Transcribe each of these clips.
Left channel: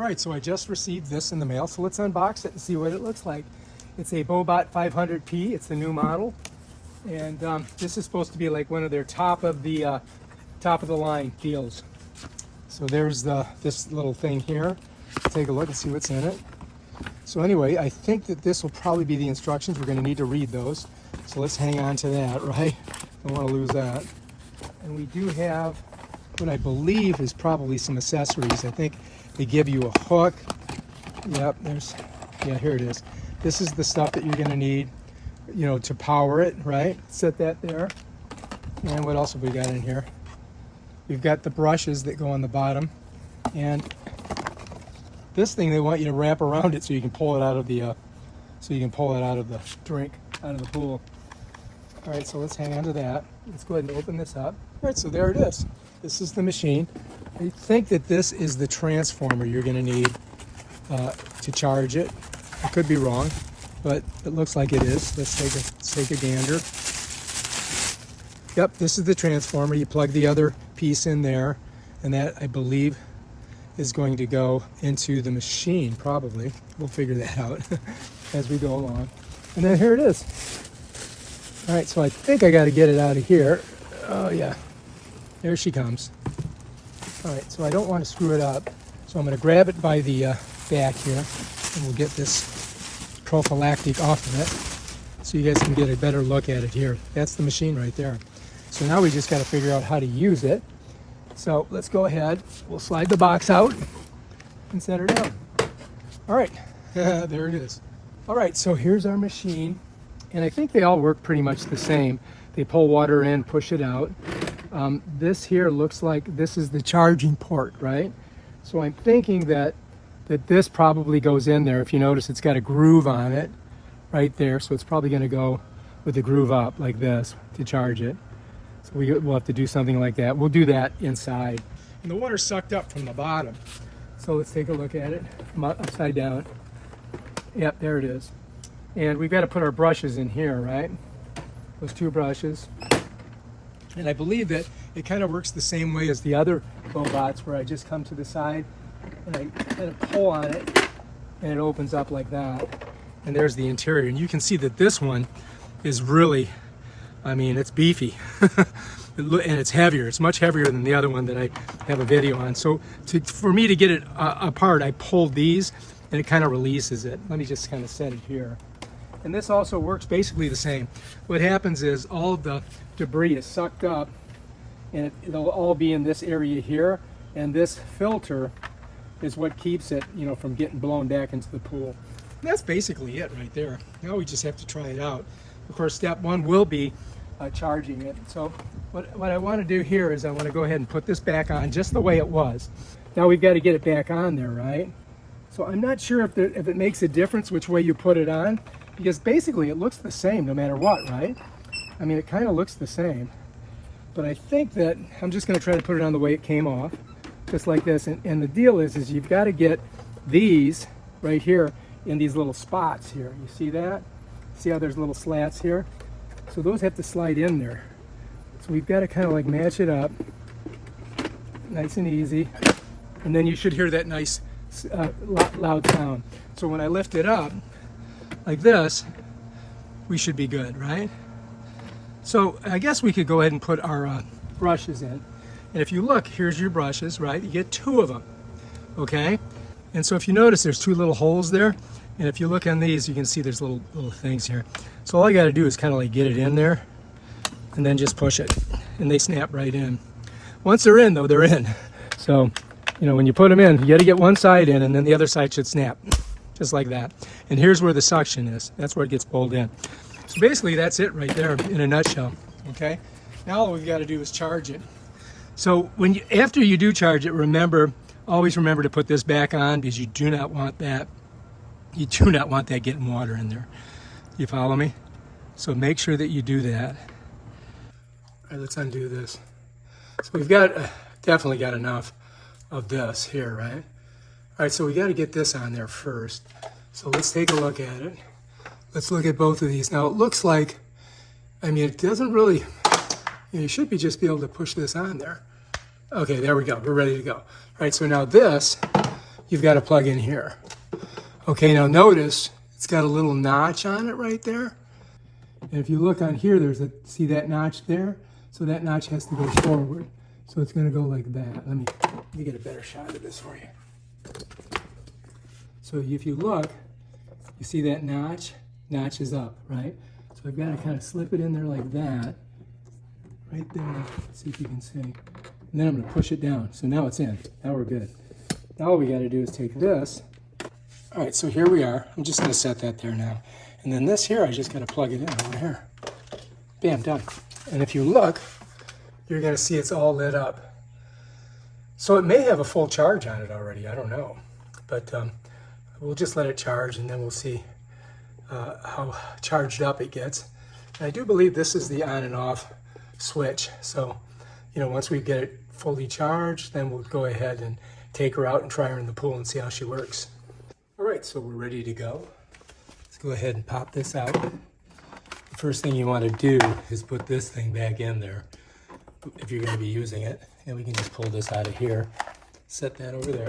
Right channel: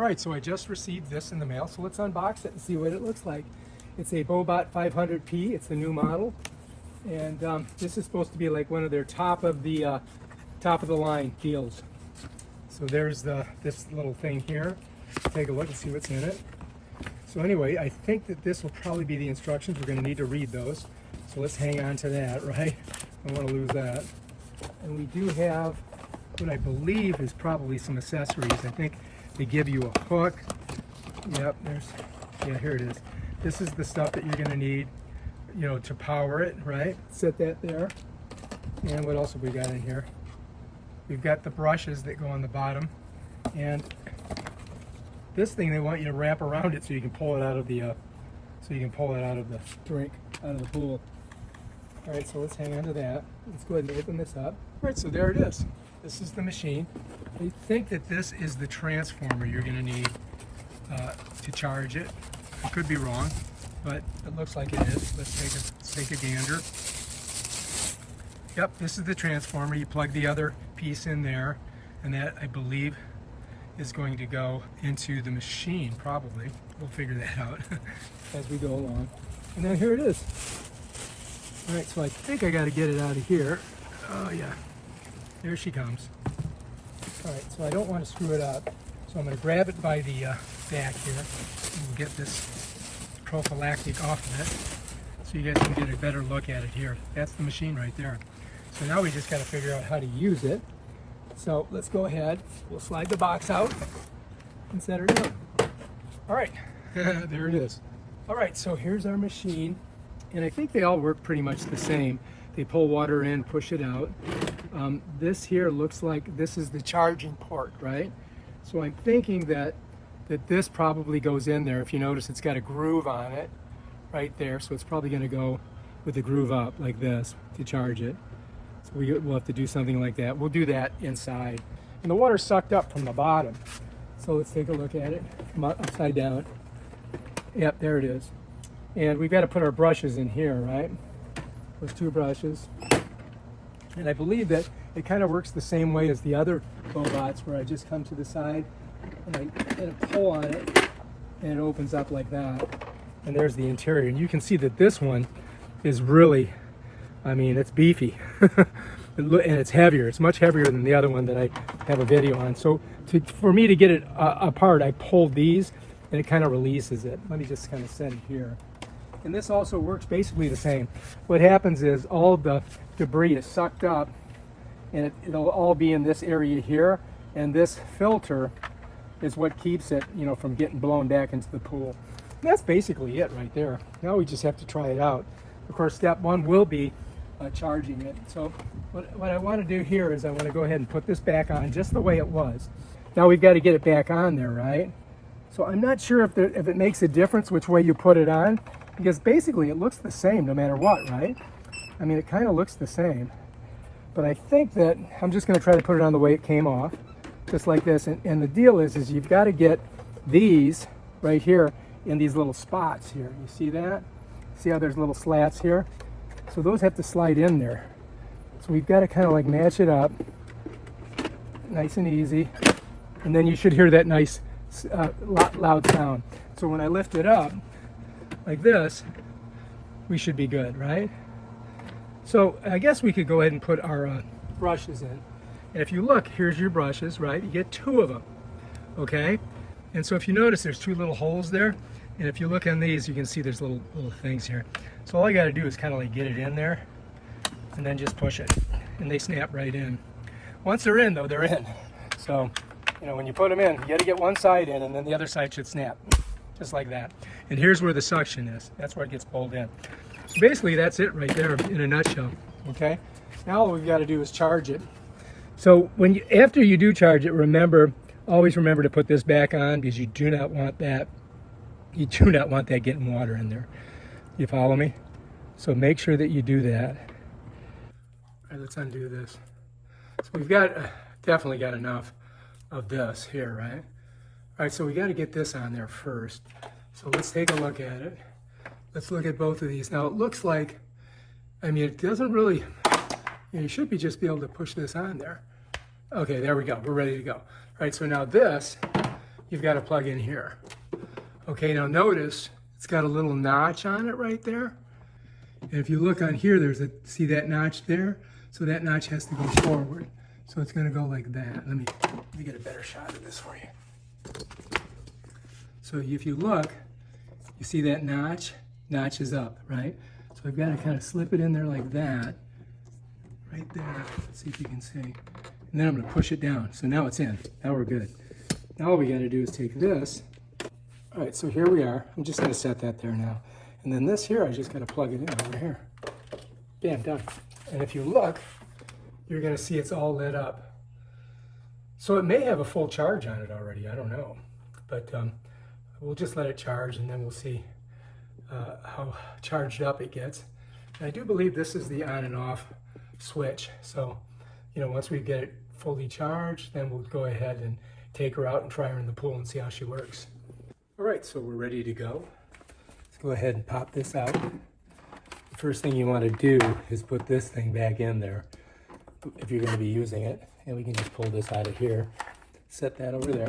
All right, so I just received this in the mail, so let's unbox it and see what it looks like. It's a Bubot 500P. It's a new model, and this is supposed to be like one of their top of the line deals. So there's this little thing here. Take a look and see what's in it. So anyway, I think that this will probably be the instructions. We're going to need to read those. So let's hang on to that, right? Don't want to lose that. And we do have what I believe is probably some accessories. I think they give you a hook. Yep, here it is. This is the stuff that you're going to need, you know, to power it, right? Set that there. And what else have we got in here? We've got the brushes that go on the bottom, and this thing they want you to wrap around it so you can pull it out of the drink, out of the pool. All right, so let's hang on to that. Let's go ahead and open this up. All right, so there it is. This is the machine. I think that this is the transformer you're going to need to charge it. I could be wrong, but it looks like it is. Let's take a gander. Yep, this is the transformer. You plug the other piece in there, and that, I believe, is going to go into the machine, probably. We'll figure that out as we go along. And then here it is. All right, so I think I got to get it out of here. Oh, yeah. There she comes. All right, so I don't want to screw it up. So I'm going to grab it by the back here, and we'll get this prophylactic off of it so you guys can get a better look at it here. That's the machine right there. So now we just got to figure out how to use it. So let's go ahead. We'll slide the box out and set her down. All right, there it is. All right, so here's our machine. And I think they all work pretty much the same. They pull water in, push it out. This here looks like this is the charging port, right? So I'm thinking that this probably goes in there. If you notice, it's got a groove on it right there. So it's probably going to go with the groove up like this to charge it. So we'll have to do something like that. We'll do that inside. And the water's sucked up from the bottom. So let's take a look at it from upside down. Yep, there it is. And we've got to put our brushes in here, right? Those two brushes. And I believe that it kind of works the same way as the other Bubots, where I just come to the side and I kind of pull on it and it opens up like that. And there's the interior. And you can see that this one is really, I mean, it's beefy. And it's heavier. It's much heavier than the other one that I have a video on. So for me to get it apart, I pulled these and it kind of releases it. Let me just kind of set it here. And this also works basically the same. What happens is all the debris is sucked up, and it'll all be in this area here, and this filter is what keeps it, you know, from getting blown back into the pool. And that's basically it right there. Now we just have to try it out. Of course, step one will be charging it. So what I want to do here is I want to go ahead and put this back on just the way it was. Now we've got to get it back on there, right? So I'm not sure if it makes a difference which way you put it on, because basically it looks the same no matter what, right? I mean, it kind of looks the same. But I think that I'm just going to try to put it on the way it came off, just like this. And the deal is you've got to get these right here in these little spots here. You see that? See how there's little slats here? So those have to slide in there. So we've got to kind of like match it up, nice and easy. And then you should hear that nice loud sound. So when I lift it up like this, we should be good, right? So I guess we could go ahead and put our brushes in. And if you look, here's your brushes, right? You get two of them, okay? And so if you notice, there's two little holes there. And if you look on these, you can see there's little things here. So all I got to do is kind of like get it in there and then just push it. And they snap right in. Once they're in, though, they're in. So, you know, when you put them in, you got to get one side in, and then the other side should snap, just like that. And here's where the suction is. That's where it gets pulled in. So basically, that's it right there in a nutshell, okay? Now all we've got to do is charge it. So after you do charge it, always remember to put this back on, because you do not want that. You do not want that getting water in there. You follow me? So make sure that you do that. All right, let's undo this. So we've got definitely got enough of this here, right? All right, so we got to get this on there first. So let's take a look at it. Let's look at both of these. Now it looks like, I mean, it doesn't really, you should just be able to push this on there. Okay, there we go. We're ready to go. All right, so now this, you've got to plug in here. Okay, now notice it's got a little notch on it right there. And if you look on here, see that notch there? So that notch has to go forward. So it's going to go like that. Let me get a better shot of this for you. So if you look, you see that notch? Notch is up, right? So I've got to kind of slip it in there like that. Right there. Let's see if you can see. And then I'm going to push it down. So now it's in. Now we're good. Now all we got to do is take this. All right, so here we are. I'm just going to set that there now. And then this here, I just got to plug it in over here. Bam, done. And if you look, you're going to see it's all lit up. So it may have a full charge on it already. I don't know. But we'll just let it charge, and then we'll see how charged up it gets. And I do believe this is the on and off switch. So, you know, once we get it fully charged, then we'll go ahead and take her out and try her in the pool and see how she works. All right, so we're ready to go. Let's go ahead and pop this out. The first thing you want to do is put this thing back in there if you're going to be using it. And we can just pull this out of here, set that over there,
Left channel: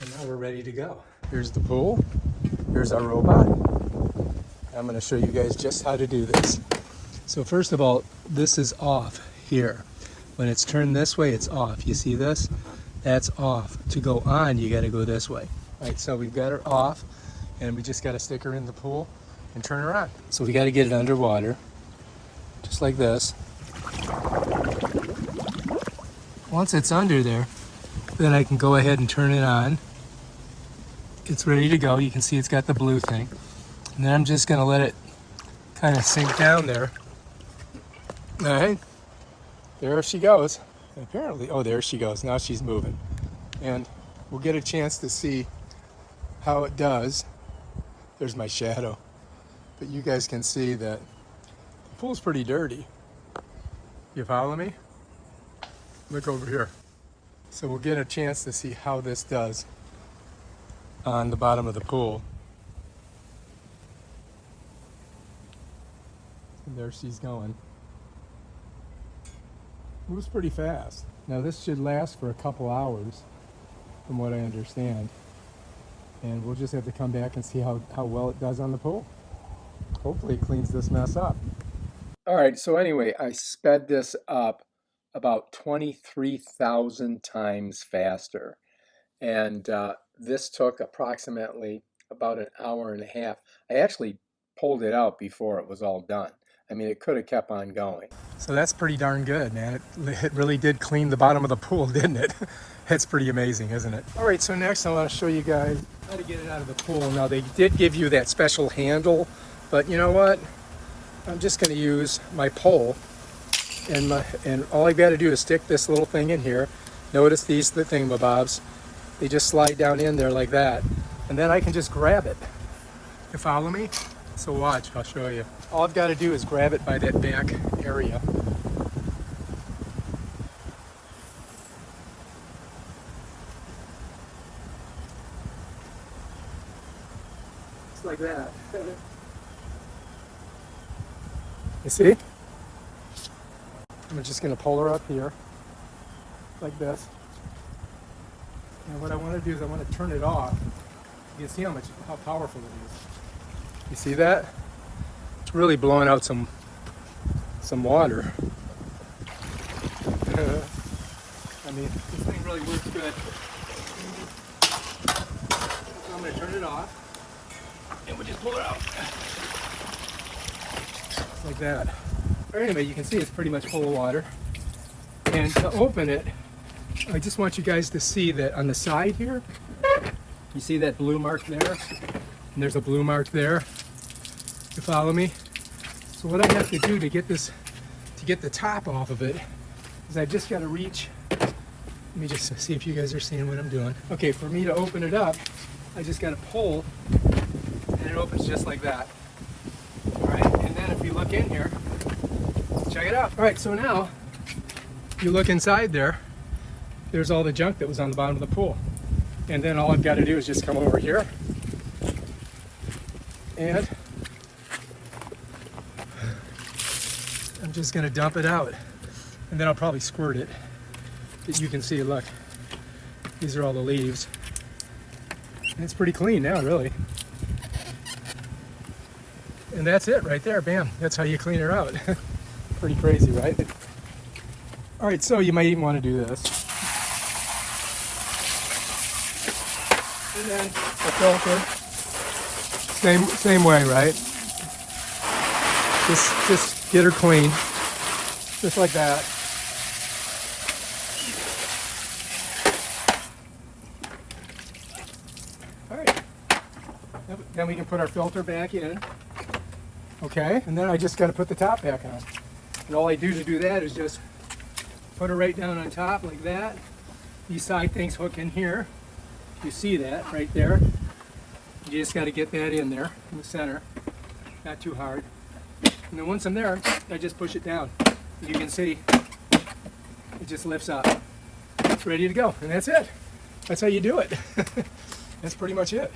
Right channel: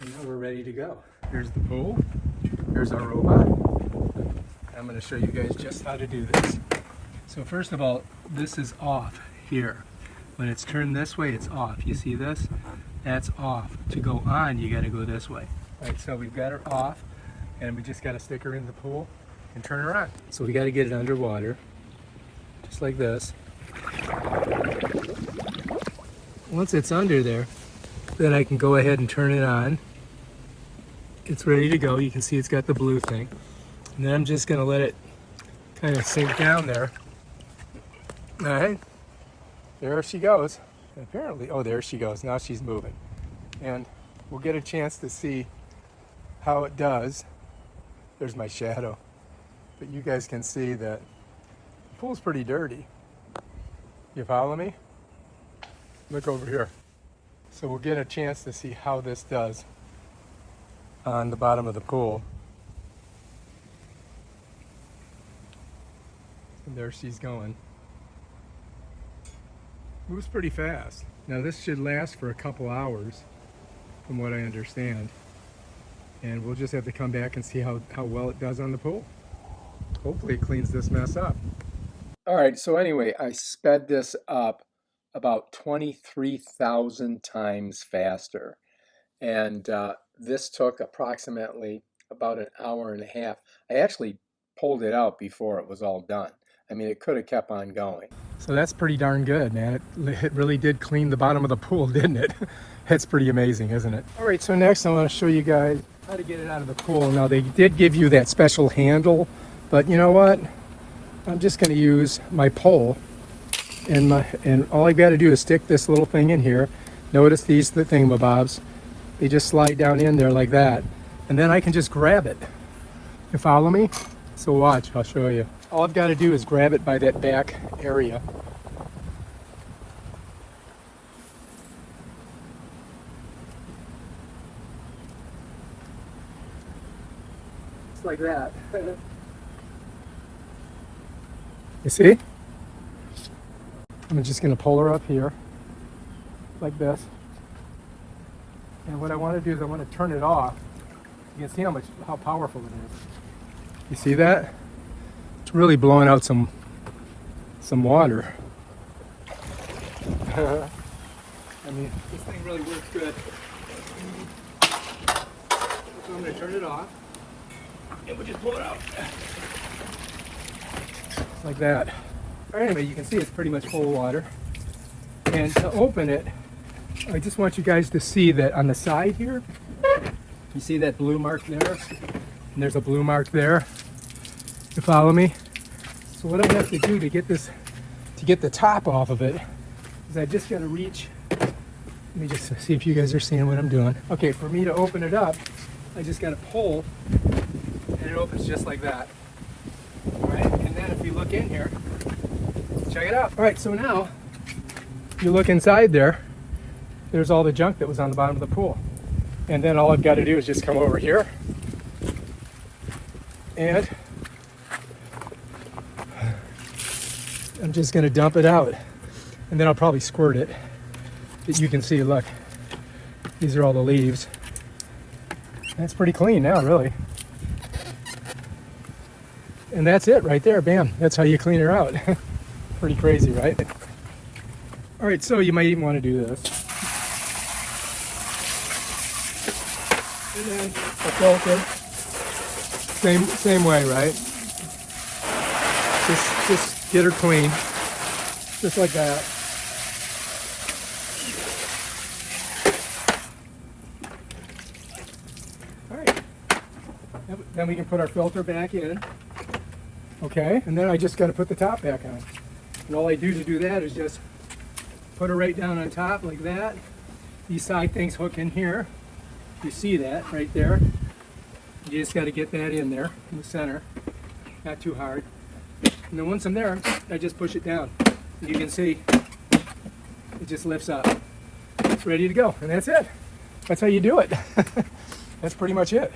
and now we're ready to go. Here's the pool. Here's our robot. I'm going to show you guys just how to do this. So first of all, this is off here. When it's turned this way, it's off. You see this? That's off. To go on, you got to go this way. All right, so we've got her off, and we just got to stick her in the pool and turn her on. So we got to get it underwater, just like this. Once it's under there, then I can go ahead and turn it on. It's ready to go. You can see it's got the blue thing. And then I'm just going to let it kind of sink down there. All right, there she goes. And apparently, oh, there she goes. Now she's moving. And we'll get a chance to see how it does. There's my shadow. But you guys can see that the pool's pretty dirty. You follow me? Look over here. So we'll get a chance to see how this does on the bottom of the pool. And there she's going. Moves pretty fast. Now this should last for a couple hours, from what I understand. And we'll just have to come back and see how well it does on the pool. Hopefully it cleans this mess up. All right, so anyway, I sped this up about 23,000 times faster. And this took approximately about an hour and a half. I actually pulled it out before it was all done. I mean, it could have kept on going. So that's pretty darn good, man. It really did clean the bottom of the pool, didn't it? That's pretty amazing, isn't it? All right, so next I'm going to show you guys how to get it out of the pool. Now, they did give you that special handle, but you know what? I'm just going to use my pole, and all I got to do is stick this little thing in here. Notice the thingamabobs. They just slide down in there like that, and then I can just grab it. You follow me? So watch, I'll show you. All I've got to do is grab it by that back area. Just like that. You see? I'm just going to pull her up here, like this. And what I want to do is I want to turn it off. You can see how powerful it is. You see that? It's really blowing out some water. I mean, this thing really works good. So I'm going to turn it off, and we'll just pull it out. Like that. Anyway, you can see it's pretty much full of water. And to open it, I just want you guys to see that on the side here, you see that blue mark there? And there's a blue mark there. You follow me? So what I have to do to get the top off of it, is I just got to reach. Let me just see if you guys are seeing what I'm doing. Okay, for me to open it up, I just got to pull, and it opens just like that. All right, and then if you look in here, check it out. All right, so now you look inside there. There's all the junk that was on the bottom of the pool. And then all I've got to do is just come over here and I'm just going to dump it out. And then I'll probably squirt it. You can see, look, these are all the leaves. That's pretty clean now, really. And that's it right there, bam. That's how you clean her out. Pretty crazy, right? All right, so you might even want to do this. And then the filter, same way, right? Just get her clean, just like that. All right, then we can put our filter back in. Okay, and then I just got to put the top back on. And all I do to do that is just put her right down on top like that. These side things hook in here. You see that right there. You just got to get that in there in the center, not too hard. And then once I'm there, I just push it down. You can see it just lifts up. It's ready to go, and that's it. That's how you do it. That's pretty much it.